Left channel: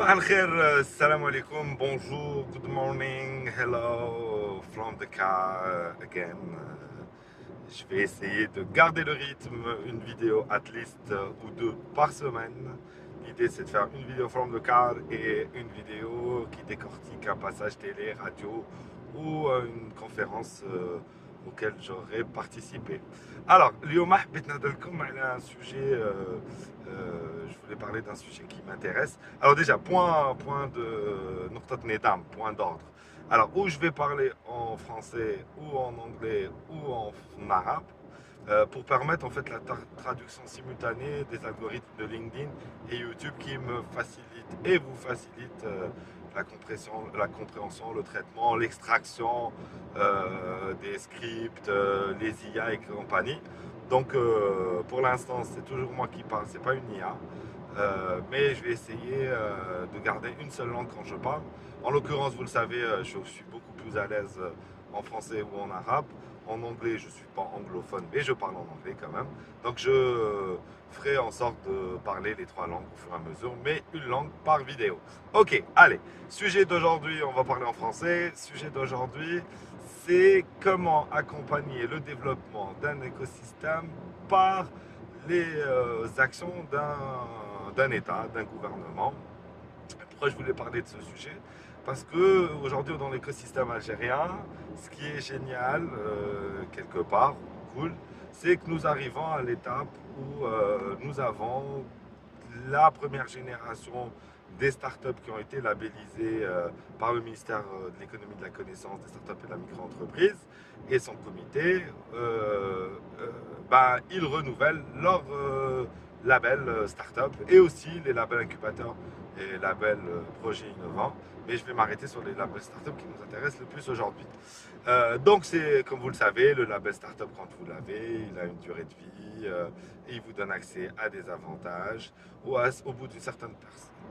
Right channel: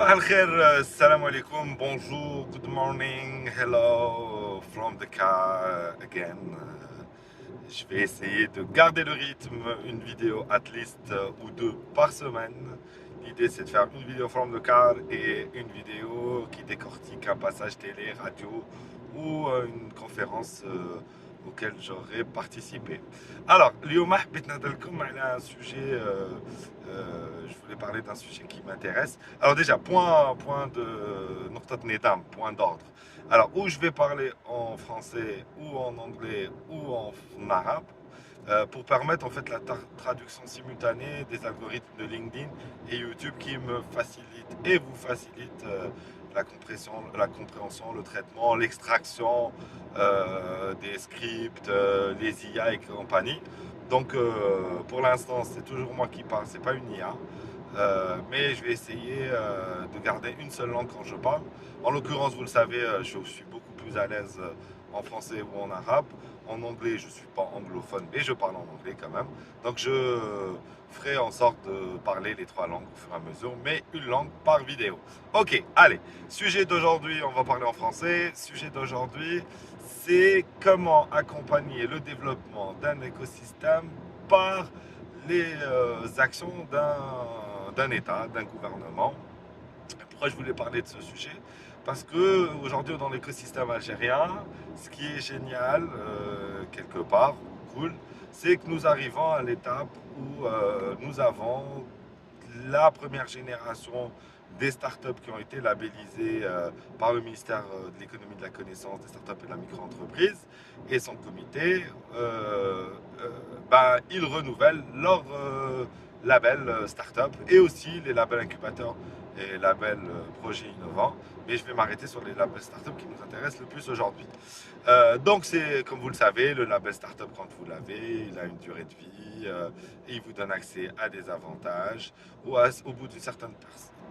صباح الخير السلام عليكم bonjour good morning hello from the car again. Je vais essayer de garder le rythme, une vidéo at least ou deux par semaine. L'idée c'est de faire une vidéo from the car et une vidéo qui décortique un passage télé, radio ou une conférence auquel j'aurais participé. Alors, اليوم حبيت نهضرلكم على un sujet, je voulais parler d'un sujet qui m'intéresse. Alors déjà, point de نقطة ندام, point d'ordre. Alors, où je vais parler en français, ou en anglais, ou en arabe, pour permettre en fait la traduction simultanée des algorithmes de LinkedIn et YouTube qui me facilitent et vous facilitent la compréhension, le traitement, l'extraction des scripts, les IA et compagnie. Donc, pour l'instant, c'est toujours moi qui parle, c'est pas une IA. Mais je vais essayer de garder une seule langue quand je parle. En l'occurrence, vous le savez, je suis beaucoup plus à l'aise en français ou en arabe. En anglais, je ne suis pas anglophone, mais je parle en anglais quand même. Donc je ferai en sorte de parler les trois langues au fur et à mesure, mais une langue par vidéo. Ok, allez. Sujet d'aujourd'hui, on va parler en français. Sujet d'aujourd'hui, c'est comment accompagner le développement d'un écosystème par les actions d'un État, d'un gouvernement. Pourquoi je voulais parler de ce sujet? Parce que aujourd'hui dans l'écosystème algérien, ce qui est génial quelque part, cool, c'est que nous arrivons à l'étape où nous avons la première génération des startups qui ont été labellisées par le ministère de l'économie de la connaissance, des startups et de la micro-entreprise et son comité. Ils renouvellent leur label startup et aussi les labels incubateurs et labels projets innovants. Mais je vais m'arrêter sur les labels startup qui nous intéressent le plus aujourd'hui. Donc, c'est, comme vous le savez, le label startup, quand vous l'avez, il a une durée de vie et il vous donne accès à des avantages. Au bout d'une certaine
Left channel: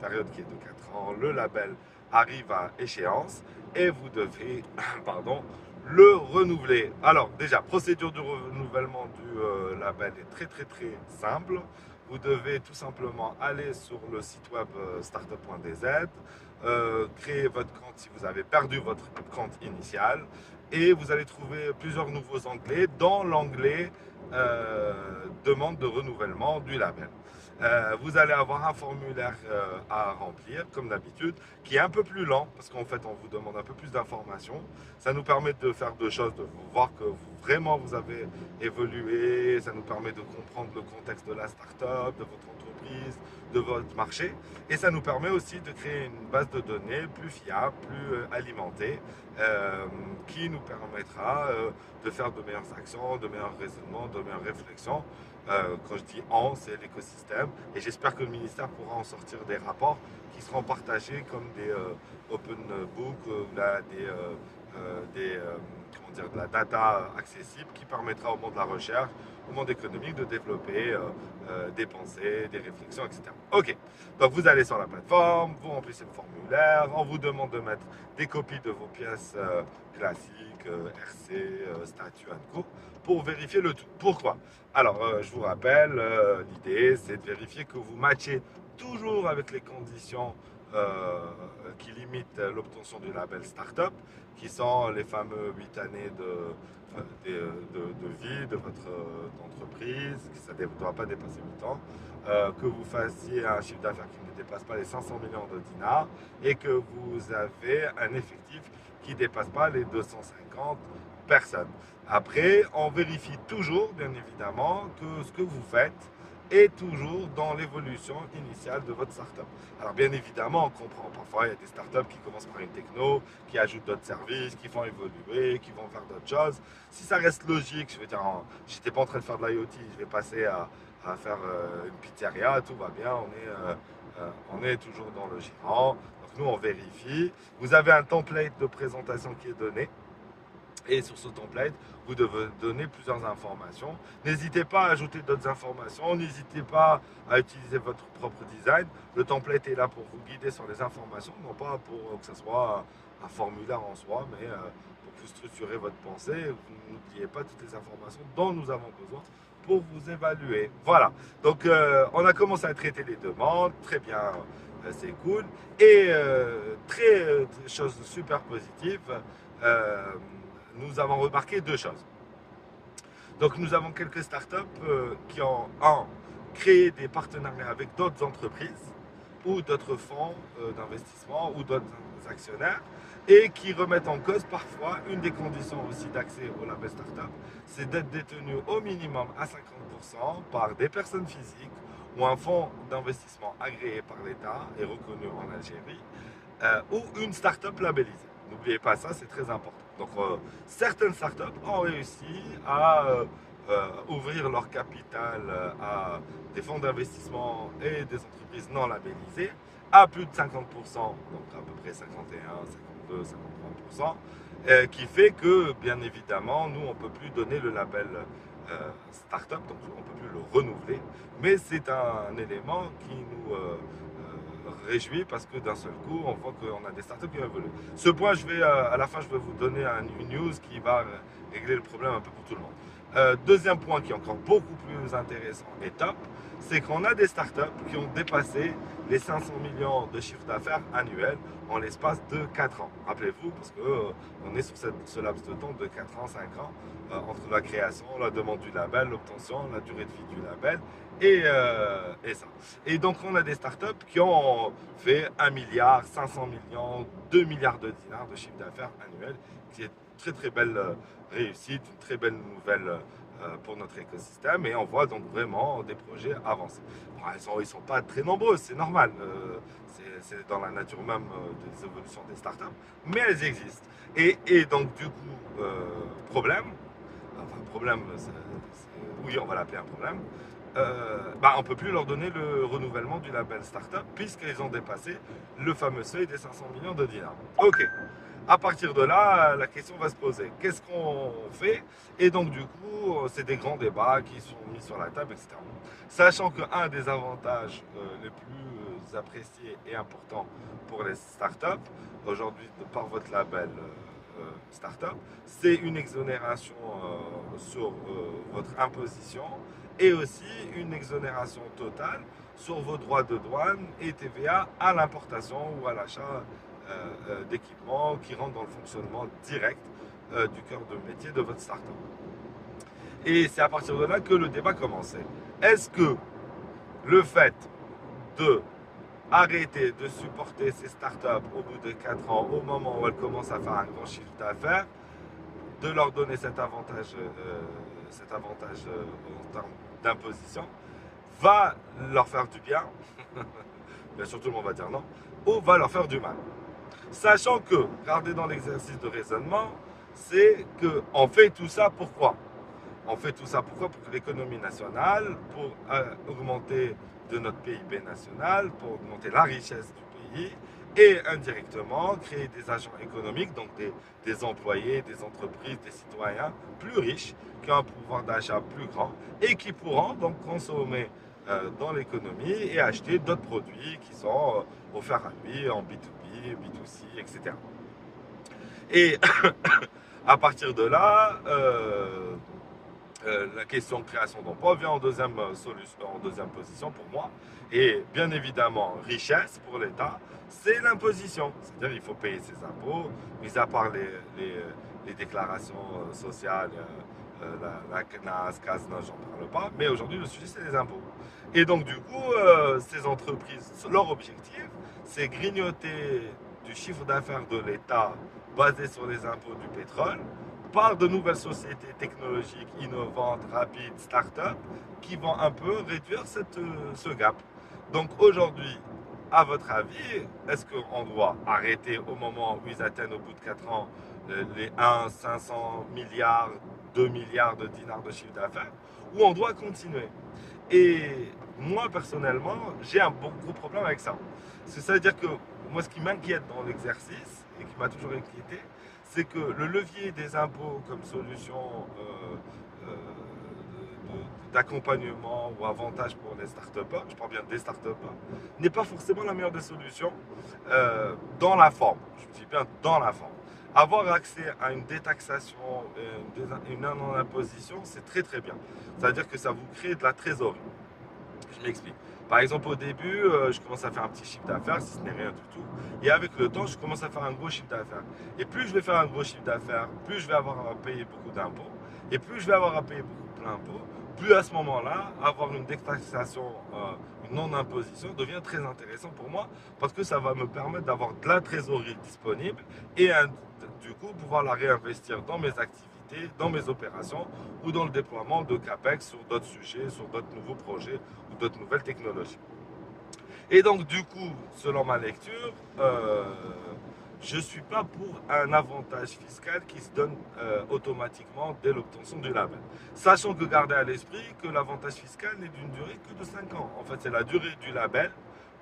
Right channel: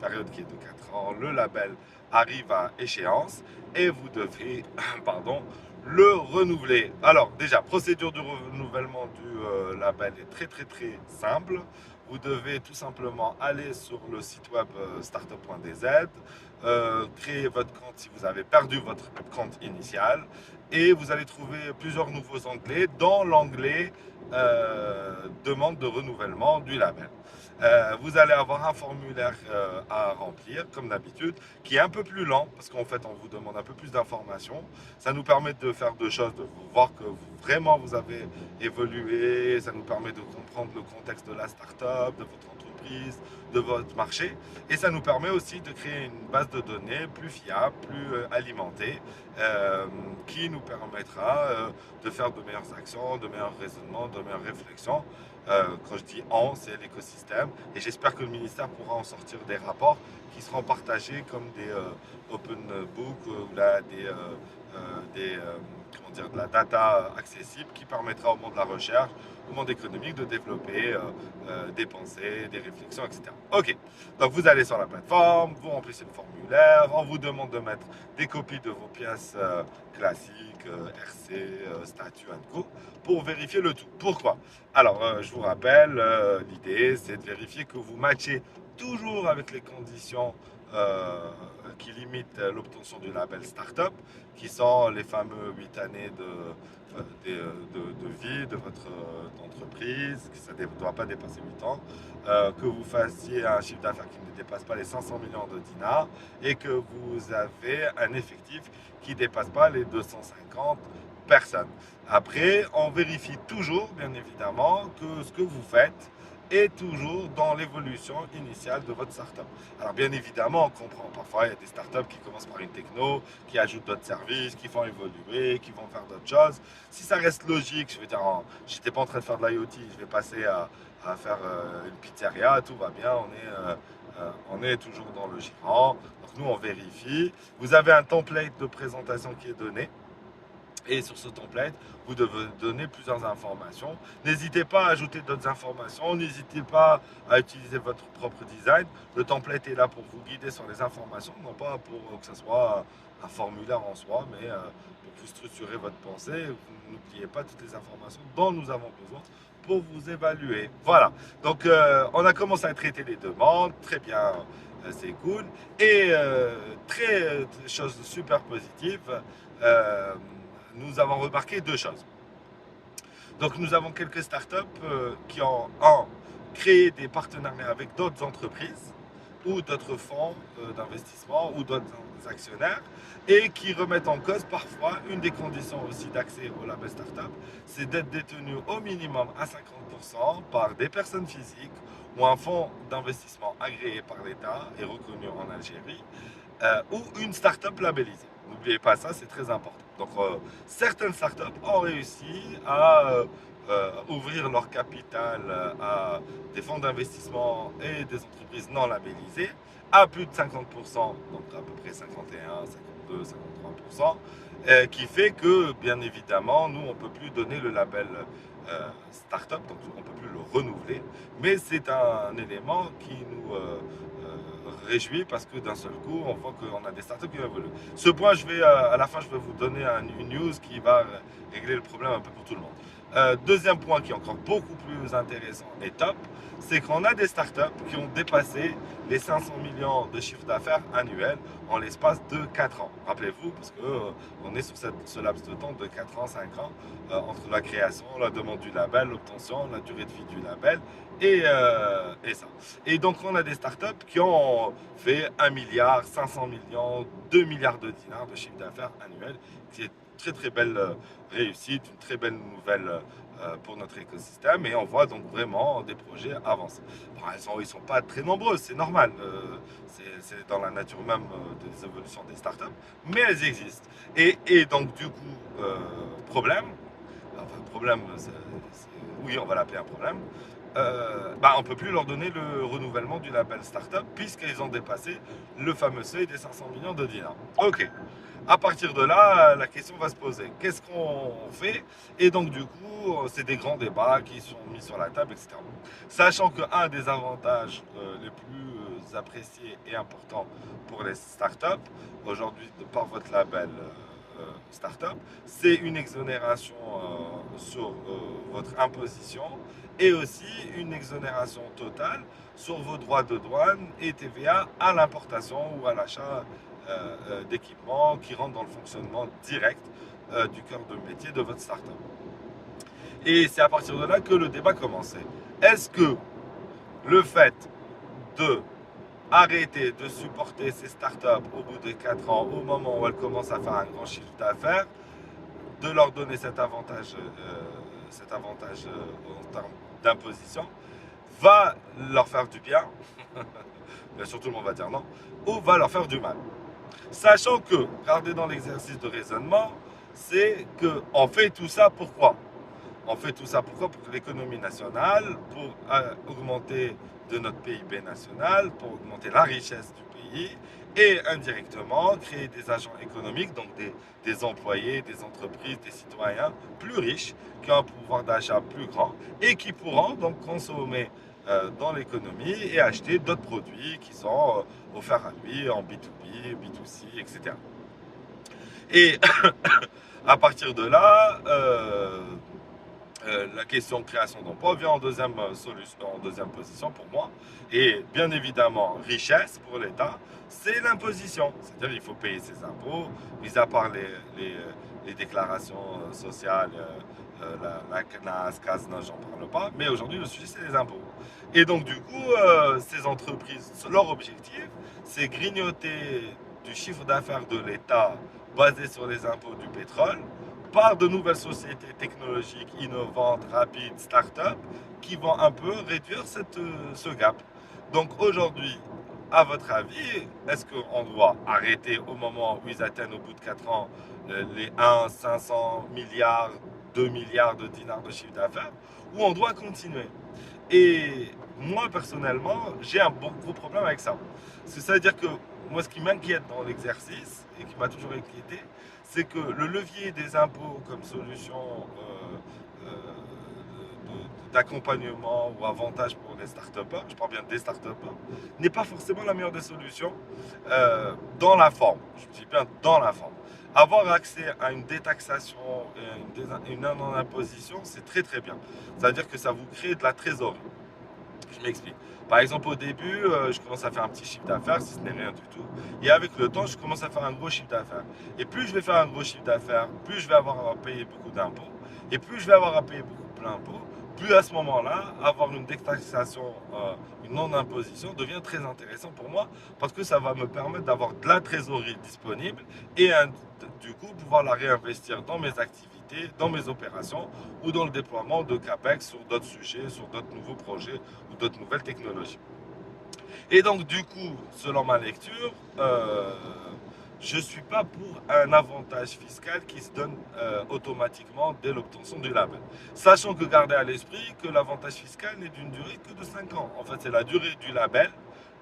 période qui est de 4 ans, le label arrive à échéance et vous devez, pardon, le renouveler. Alors, déjà, procédure de renouvellement du label est très très très simple. Vous devez tout simplement aller sur le site web startup.dz, créer votre compte si vous avez perdu votre compte initial et vous allez trouver plusieurs nouveaux onglets, dont l'onglet demande de renouvellement du label. Vous allez avoir un formulaire à remplir, comme d'habitude, qui est un peu plus lent, parce qu'en fait, on vous demande un peu plus d'informations. Ça nous permet de faire deux choses, de voir que vraiment vous avez évolué, ça nous permet de comprendre le contexte de la start-up, de votre entreprise, de votre marché, et ça nous permet aussi de créer une base de données plus fiable, plus alimentée, qui nous permettra de faire de meilleures actions, de meilleurs raisonnements, de meilleures réflexions. Quand je dis on, c'est l'écosystème. Et j'espère que le ministère pourra en sortir des rapports qui seront partagés comme des open book ou là, comment dire, de la data accessible qui permettra au monde de la recherche, au monde économique de développer des pensées, des réflexions, etc. Ok, donc vous allez sur la plateforme, vous remplissez le formulaire, on vous demande de mettre des copies de vos pièces classiques, RC, statut, co, pour vérifier le tout. Pourquoi? Alors, je vous rappelle, l'idée, c'est de vérifier que vous matchez toujours avec les conditions qui limitent l'obtention du label Startup, qui sont les fameux 8 années de vie de votre entreprise, que ça ne doit pas dépasser 8 ans, que vous fassiez un chiffre d'affaires qui ne dépasse pas les 500 millions de dinars et que vous avez un effectif qui ne dépasse pas les 250 personnes. Après, on vérifie toujours, bien évidemment, que ce que vous faites est toujours dans l'évolution initiale de votre startup. Alors, bien évidemment, on comprend. Parfois, il y a des startups qui commencent par une techno, qui ajoutent d'autres services, qui font évoluer, qui vont faire d'autres choses. Si ça reste logique, je veux dire, je n'étais pas en train de faire de l'IoT, je vais passer à faire une pizzeria, tout va bien, on est toujours dans le gérant. Donc, nous, on vérifie. Vous avez un template de présentation qui est donné. Et sur ce template, vous devez donner plusieurs informations. N'hésitez pas à ajouter d'autres informations. N'hésitez pas à utiliser votre propre design. Le template est là pour vous guider sur les informations, non pas pour que ce soit un formulaire en soi, mais pour vous structurer votre pensée. Vous n'oubliez pas toutes les informations dont nous avons besoin pour vous évaluer. Voilà. Donc, on a commencé à traiter les demandes. Très bien. c'est cool. Et chose super positive, euh, nous avons remarqué deux choses. Donc nous avons quelques startups qui ont, créé des partenariats avec d'autres entreprises ou d'autres fonds d'investissement ou d'autres actionnaires et qui remettent en cause parfois une des conditions aussi d'accès au label startup, c'est d'être détenu au minimum à 50% par des personnes physiques ou un fonds d'investissement agréé par l'État et reconnu en Algérie ou une startup labellisée. N'oubliez pas ça, c'est très important. Donc, certaines startups ont réussi à ouvrir leur capital à des fonds d'investissement et des entreprises non labellisées à plus de 50%, donc à peu près 51, 52, 53%, qui fait que, bien évidemment, nous, on ne peut plus donner le label startup, donc on ne peut plus le renouveler, mais c'est un élément qui nous réjouit parce que d'un seul coup, on voit qu'on a des startups qui évoluent. Ce point, à la fin, je vais vous donner une news qui va régler le problème un peu pour tout le monde. Deuxième point qui est encore beaucoup plus intéressant et top, c'est qu'on a des startups qui ont dépassé les 500 millions de chiffre d'affaires annuel en l'espace de 4 ans. Rappelez-vous, parce qu'on est sur ce laps de temps de 4 ans, 5 ans, entre la création, la demande du label, l'obtention, la durée de vie du label et ça. Et donc, on a des startups qui ont fait 1 milliard, 500 millions, 2 milliards de dinars de chiffre d'affaires annuel, qui est une très très belle réussite, une très belle nouvelle pour notre écosystème. Et on voit donc vraiment des projets avancés. Bon, ils ne sont pas très nombreux, c'est normal. C'est dans la nature même des évolutions des startups, mais elles existent. Et donc, du coup, problème, enfin, problème, oui, on va l'appeler un problème, on ne peut plus leur donner le renouvellement du label startup puisqu'ils ont dépassé le fameux seuil des 500 millions de dinars. Ok. À partir de là, la question va se poser. Qu'est-ce qu'on fait? Et donc, du coup, c'est des grands débats qui sont mis sur la table, etc. Sachant qu'un des avantages les plus appréciés et importants pour les startups, aujourd'hui, par votre label startup, c'est une exonération sur votre imposition et aussi une exonération totale sur vos droits de douane et TVA à l'importation ou à l'achat d'équipements qui rentrent dans le fonctionnement direct du cœur de métier de votre startup. Et c'est à partir de là que le débat commençait. Est-ce que le fait de arrêter de supporter ces startups au bout de 4 ans, au moment où elles commencent à faire un grand chiffre d'affaires, de leur donner cet avantage en termes d'imposition, va leur faire du bien, bien sûr tout le monde va dire non, ou va leur faire du mal. Sachant que, regardez dans l'exercice de raisonnement, c'est qu'on fait tout ça pourquoi? On fait tout ça pourquoi? Pour l'économie nationale, pour augmenter de notre PIB national, pour augmenter la richesse du pays et indirectement créer des agents économiques, donc des employés, des entreprises, des citoyens plus riches qui ont un pouvoir d'achat plus grand et qui pourront donc consommer dans l'économie et acheter d'autres produits qui sont offerts à lui en B2B, B2C, etc. Et à partir de là, la question de création d'emploi vient en deuxième solution, en deuxième position pour moi. Et bien évidemment, richesse pour l'État, c'est l'imposition. C'est-à-dire qu'il faut payer ses impôts, mis à part les déclarations sociales, la CNAS, CASNA, j'en parle pas. Mais aujourd'hui, le sujet, c'est les impôts. Et donc, du coup, ces entreprises, leur objectif, c'est grignoter du chiffre d'affaires de l'État basé sur les impôts du pétrole par de nouvelles sociétés technologiques innovantes, rapides, start-up, qui vont un peu réduire ce gap. Donc aujourd'hui, à votre avis, est-ce qu'on doit arrêter au moment où ils atteignent au bout de 4 ans les 1, 500 milliards, 2 milliards de dinars de chiffre d'affaires, ou on doit continuer? Et moi, personnellement, j'ai un gros problème avec ça. Ça veut dire que moi, ce qui m'inquiète dans l'exercice, et qui m'a toujours inquiété, c'est que le levier des impôts comme solution d'accompagnement ou avantage pour les start je parle bien des start n'est pas forcément la meilleure des solutions dans la forme. Je dis bien dans la forme. Avoir accès à une détaxation et une non-imposition, c'est très très bien. C'est-à-dire que ça vous crée de la trésorerie. Je m'explique. Par exemple, au début, je commence à faire un petit chiffre d'affaires, si ce n'est rien du tout. Et avec le temps, je commence à faire un gros chiffre d'affaires. Et plus je vais faire un gros chiffre d'affaires, plus je vais avoir à payer beaucoup d'impôts. Et plus je vais avoir à payer beaucoup d'impôts, plus à ce moment-là, avoir une détaxation, une non-imposition devient très intéressant pour moi parce que ça va me permettre d'avoir de la trésorerie disponible et du coup pouvoir la réinvestir dans mes activités, dans mes opérations ou dans le déploiement de CAPEX sur d'autres sujets, sur d'autres nouveaux projets ou d'autres nouvelles technologies. Et donc, du coup, selon ma lecture, je ne suis pas pour un avantage fiscal qui se donne automatiquement dès l'obtention du label. Sachant que garder à l'esprit que l'avantage fiscal n'est d'une durée que de 5 ans. En fait, c'est la durée du label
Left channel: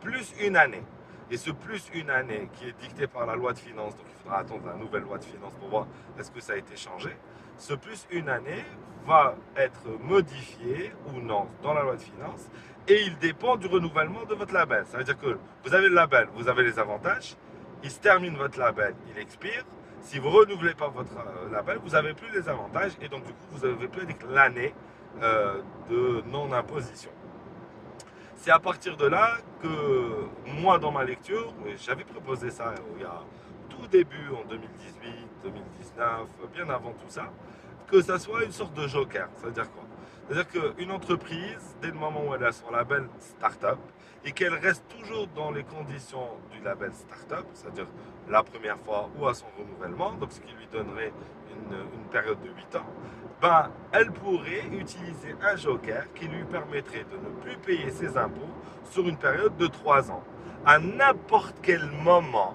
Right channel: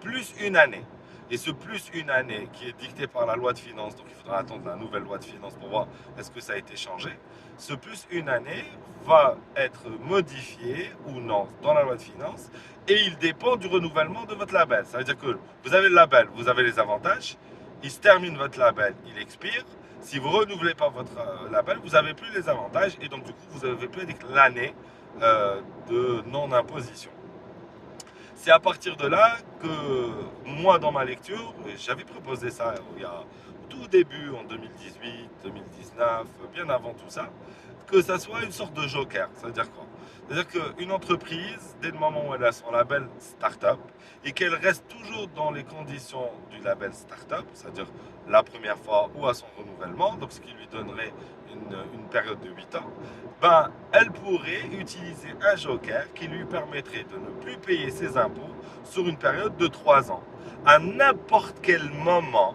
plus une année. Et ce plus une année qui est dicté par la loi de finances, donc il faudra attendre la nouvelle loi de finances pour voir est-ce que ça a été changé, ce plus une année va être modifié ou non dans la loi de finances et il dépend du renouvellement de votre label. Ça veut dire que vous avez le label, vous avez les avantages, il se termine votre label, il expire. Si vous ne renouvelez pas votre label, vous n'avez plus les avantages et donc du coup vous n'avez plus l'année de non-imposition. C'est à partir de là que moi, dans ma lecture, j'avais proposé ça il y a tout début en 2018, 2019, bien avant tout ça, que ça soit une sorte de joker. Ça veut dire quoi? C'est-à-dire qu'une entreprise, dès le moment où elle a son label startup et qu'elle reste toujours dans les conditions du label startup, c'est-à-dire la première fois ou à son renouvellement, donc ce qui lui donnerait une période de 8 ans, ben, elle pourrait utiliser un joker qui lui permettrait de ne plus payer ses impôts sur une période de 3 ans, à n'importe quel moment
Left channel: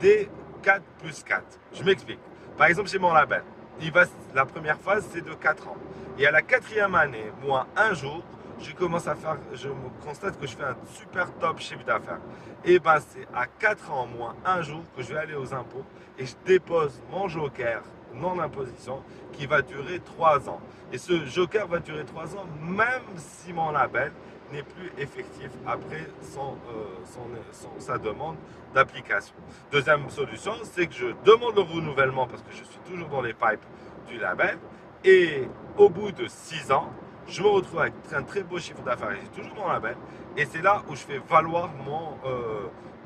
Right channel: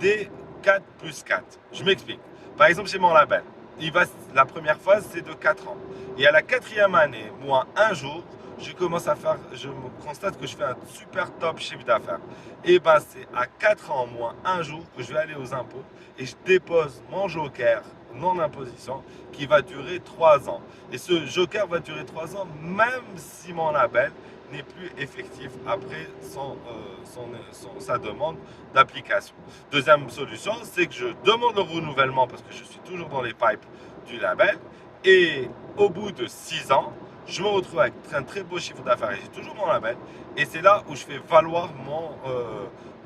des 4 plus 4. Je m'explique. Par exemple, chez mon label, la première phase, c'est de 4 ans. Et à la quatrième année, moins un jour, je me constate que je fais un super top chiffre d'affaires. Et ben, c'est à 4 ans moins un jour que je vais aller aux impôts et je dépose mon joker non-imposition qui va durer 3 ans. Et ce joker va durer 3 ans, même si mon label n'est plus effectif après sa demande d'application. Deuxième solution, c'est que je demande le renouvellement parce que je suis toujours dans les pipes du label. Et au bout de 6 ans, je me retrouve avec un très beau chiffre d'affaires et j'ai toujours mon label. Et c'est là où je fais valoir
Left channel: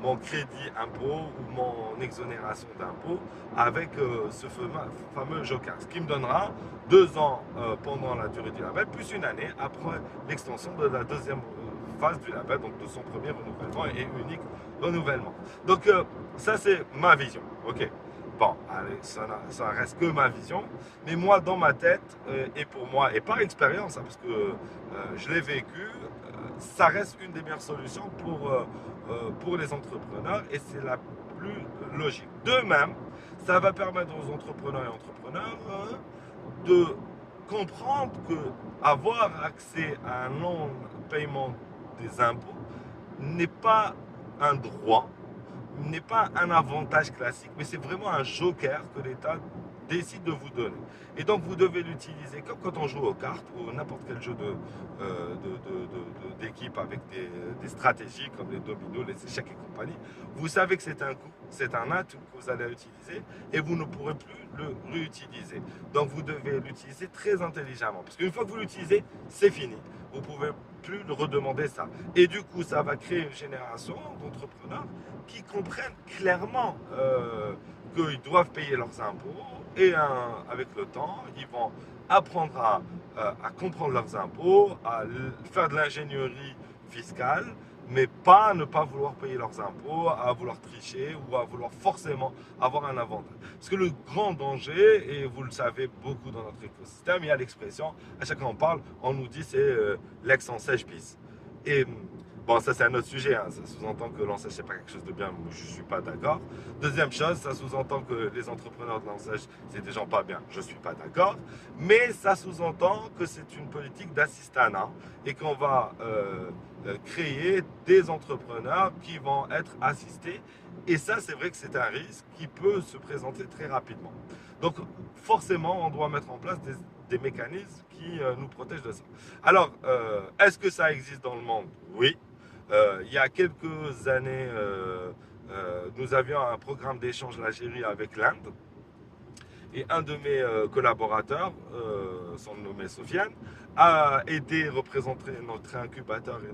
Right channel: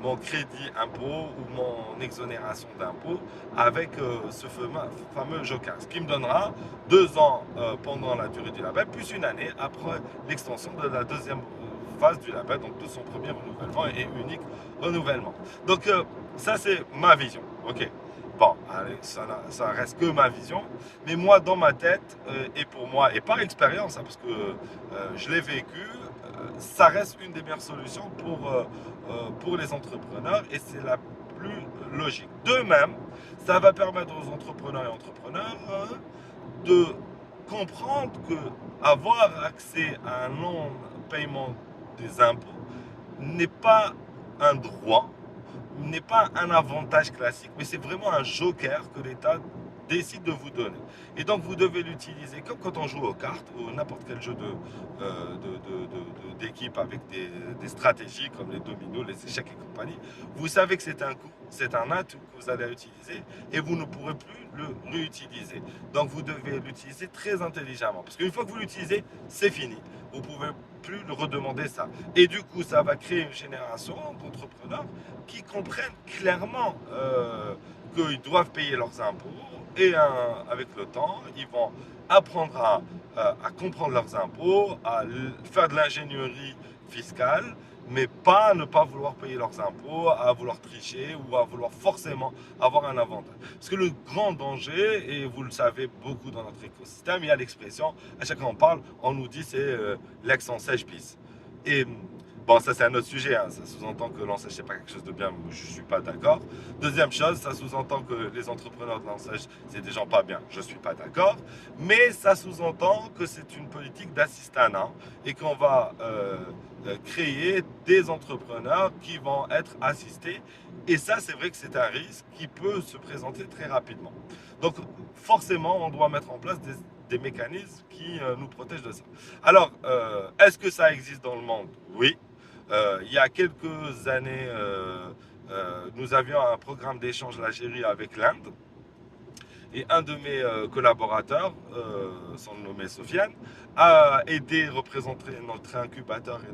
mon crédit impôt ou mon exonération d'impôt avec ce fameux joker. Ce qui me donnera 2 ans pendant la durée du label, plus une année après l'extension de la deuxième phase du label, donc de son premier renouvellement et unique renouvellement. Donc ça c'est ma vision. Ok. Bon, allez, ça reste que ma vision, mais moi dans ma tête et pour moi et par expérience, hein, parce que je l'ai vécu, ça reste une des meilleures solutions pour les entrepreneurs et c'est la plus logique. De même, ça va permettre aux entrepreneurs et entrepreneurs de comprendre que avoir accès à un non-paiement des impôts n'est pas un droit, n'est pas un avantage classique, mais c'est vraiment un joker que l'État décide de vous donner. Et donc vous devez l'utiliser comme quand on joue aux cartes ou n'importe quel jeu d'équipe avec des stratégies comme les dominos, les échecs et compagnie. Vous savez que c'est un coup, c'est un atout que vous allez utiliser et vous ne pourrez plus le réutiliser. Donc vous devez l'utiliser très intelligemment parce qu'une fois que vous l'utilisez, c'est fini. Vous ne pouvez plus le redemander ça. Et du coup, ça va créer une génération d'entrepreneurs qui comprennent clairement qu'ils doivent payer leurs impôts et avec le temps, ils vont apprendre à comprendre leurs impôts, à faire de l'ingénierie fiscale, mais pas ne pas vouloir payer leurs impôts, à vouloir tricher ou à vouloir forcément avoir un avantage. Parce que le grand danger, et vous le savez beaucoup dans notre écosystème, il y a l'expression, à chaque fois qu'on parle, on nous dit c'est l'ex en sèche bis. Et bon, ça c'est un autre sujet, hein. Ça sous-entend que l'enseigne c'est pas quelque chose de bien, je ne suis pas d'accord. Deuxième chose, ça sous-entend que les entrepreneurs de l'enseigne c'est des gens pas bien, je ne suis pas d'accord. Mais ça sous-entend que c'est une politique d'assistanat et qu'on va créer des entrepreneurs qui vont être assistés. Et ça, c'est vrai que c'est un risque qui peut se présenter très rapidement. Donc forcément, on doit mettre en place des mécanismes qui nous protègent de ça. Alors, est-ce que ça existe dans le monde? Oui. Il y a quelques années, nous avions un programme d'échange l'Algérie avec l'Inde. Et un de mes collaborateurs, son nommé Sofiane, a aidé, représenté notre incubateur et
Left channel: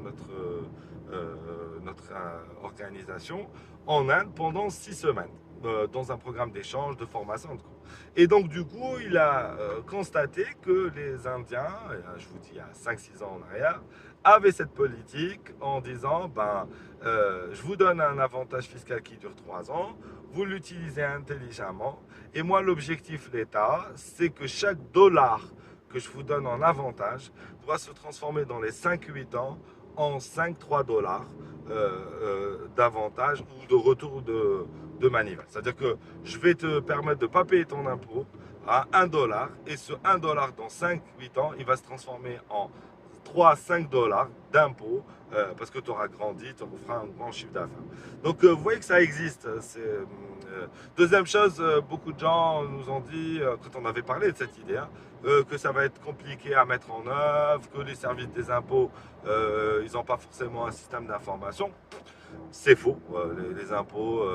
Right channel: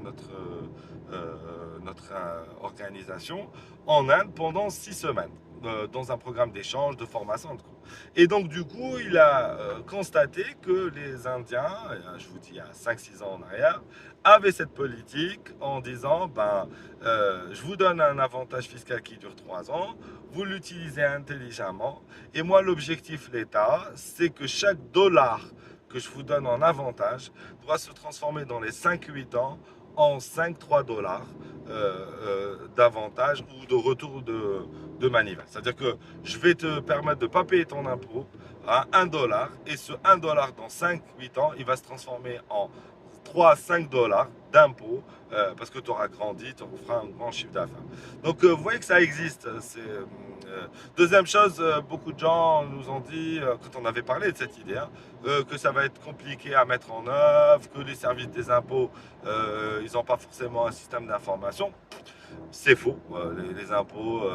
notre organisation en Inde pendant 6 semaines dans un programme d'échange, de formation. Et donc, du coup, il a constaté que les Indiens, je vous dis il y a 5-6 ans en arrière, avaient cette politique en disant, ben, je vous donne un avantage fiscal qui dure 3 ans, vous l'utilisez intelligemment, et moi, l'objectif l'État, c'est que chaque dollar que je vous donne en avantage doit se transformer dans les 5-8 ans en 5-3 dollars d'avantage ou de retour de manivelle. C'est-à-dire que je vais te permettre de ne pas payer ton impôt à 1 dollar et ce 1 dollar dans 5-8 ans, il va se transformer en 3-5 dollars d'impôt parce que tu auras grandi, tu feras un grand chiffre d'affaires. Donc vous voyez que ça existe. Deuxième chose, beaucoup de gens nous ont dit, quand on avait parlé de cette idée, hein, que ça va être compliqué à mettre en œuvre, que les services des impôts, ils n'ont pas forcément un système d'information. C'est faux. Les impôts,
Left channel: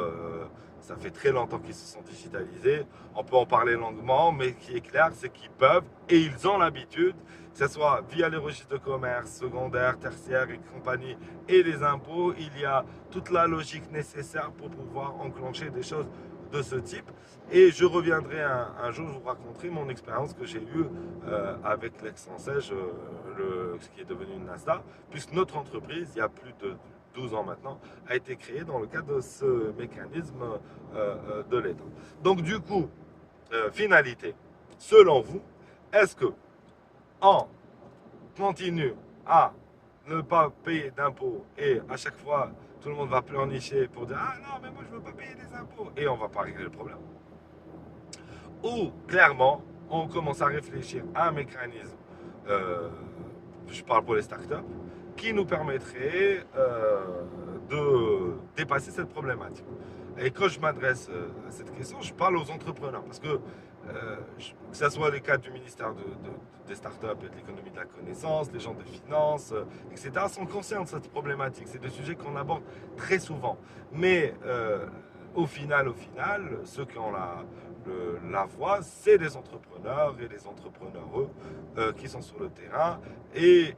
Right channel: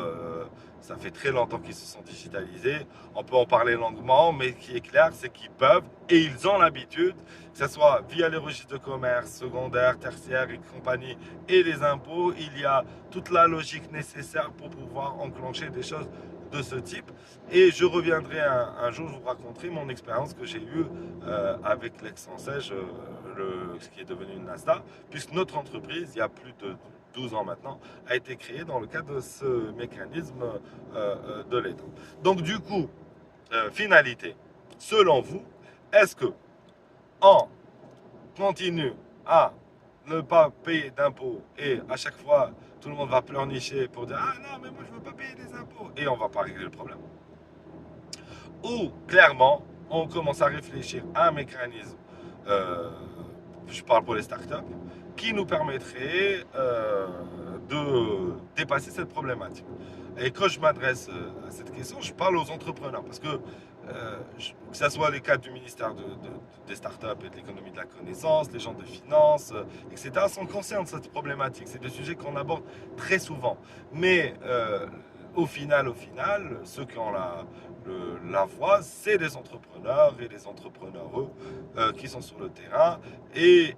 ça fait très longtemps qu'ils se sont digitalisés. On peut en parler longuement, mais ce qui est clair, c'est qu'ils peuvent et ils ont l'habitude, que ce soit via les registres de commerce, secondaire, tertiaire et compagnie, et les impôts, il y a toute la logique nécessaire pour pouvoir enclencher des choses de ce type. Et je reviendrai un jour, je vous raconterai mon expérience que j'ai eue avec l'Aix-en-Sèche, ce qui est devenu une Nasta, puisque notre entreprise, il y a plus de 12 ans maintenant, a été créée dans le cadre de ce mécanisme de l'État. Donc du coup, finalité, selon vous, est-ce que on continue à ne pas payer d'impôts et à chaque fois tout le monde va pleurnicher pour dire ah non mais moi je veux pas payer des impôts et on va pas régler le problème, ou clairement on commence à réfléchir à un mécanisme, je parle pour les startups, qui nous permettrait de dépasser cette problématique. Et quand je m'adresse à cette question, je parle aux entrepreneurs parce que que ce soit les cadres du ministère des startups et de l'économie de la connaissance, les gens de finance, etc., sont conscients de cette problématique. C'est des sujets qu'on aborde très souvent. Mais au final, ceux qui ont la voix, c'est les entrepreneurs et les entrepreneureux qui sont sur le terrain et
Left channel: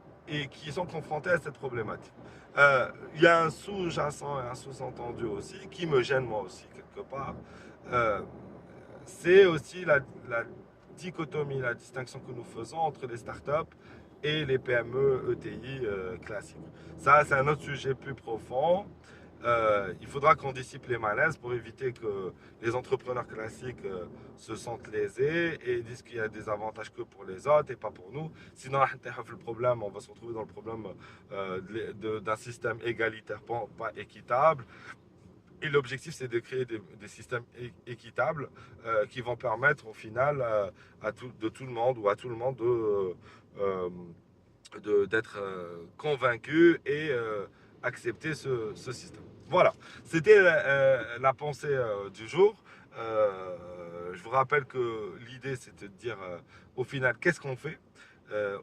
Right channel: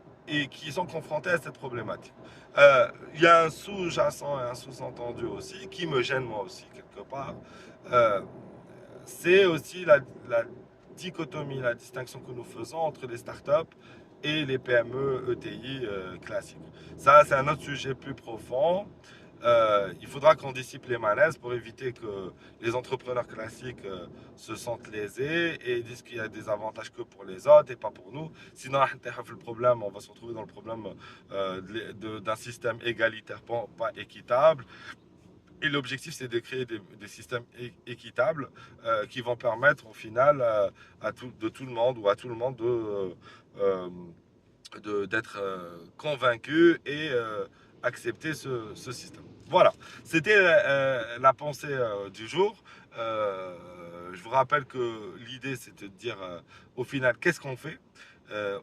qui sont confrontés à cette problématique. Il y a un sous-jacent et un sous-entendu aussi qui me gêne moi aussi quelque part. Euh, c'est aussi la dichotomie, la distinction que nous faisons entre les startups et les PME ETI classiques. Ça, c'est un autre sujet plus profond. Il faudra qu'on dissipe les malaises pour éviter que les entrepreneurs classiques se sentent lésés et disent qu'il y a des avantages que pour les autres et pas pour nous. Sinon, le problème, on va se retrouver dans le problème d'un système égalitaire, pas équitable. Et l'objectif, c'est de créer des systèmes équitables qui vont permettre au final de tout le monde ou à tout le monde d'être convaincu et accepter ce système. Voilà, c'était la pensée du jour. Je vous rappelle que l'idée, c'était de dire au final, qu'est-ce qu'on fait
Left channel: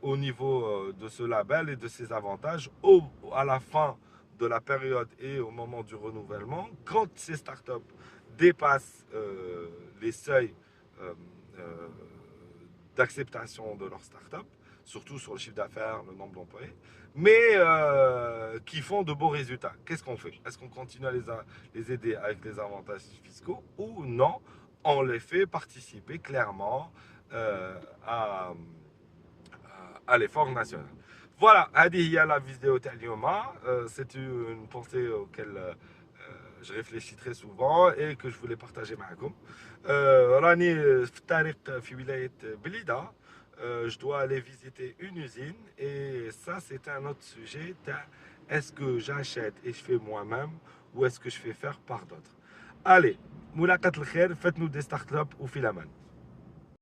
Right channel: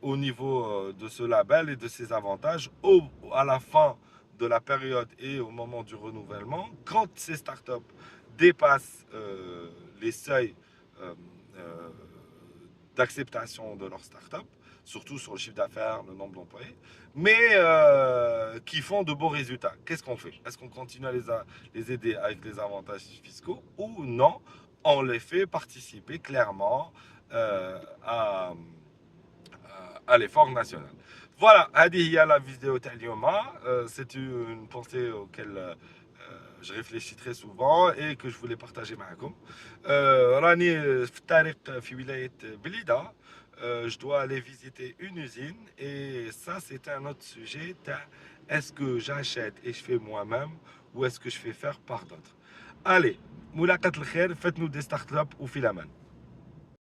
au niveau de ce label et de ses avantages à la fin de la période et au moment du renouvellement, quand ces startups dépassent les seuils euh, euh, d'acceptation de leur startup, surtout sur le chiffre d'affaires, le nombre d'employés, mais qui font de beaux résultats. Qu'est-ce qu'on fait? Est-ce qu'on continue à les aider avec les avantages fiscaux ou non? On les fait participer clairement à l'effort national. Voilà, هذه هي la vidéo تاع اليوم. C'est une pensée auquel je réfléchis très souvent et que je voulais partager معكم. راني في الطريق في ولاية بليدة. Je dois aller visiter une usine et ça c'est un autre sujet. Est-ce que j'achète et je fais moi-même ou est-ce que je fais faire par d'autres? Allez, ملاقات الخير, faites-nous des startups ou في الأمان.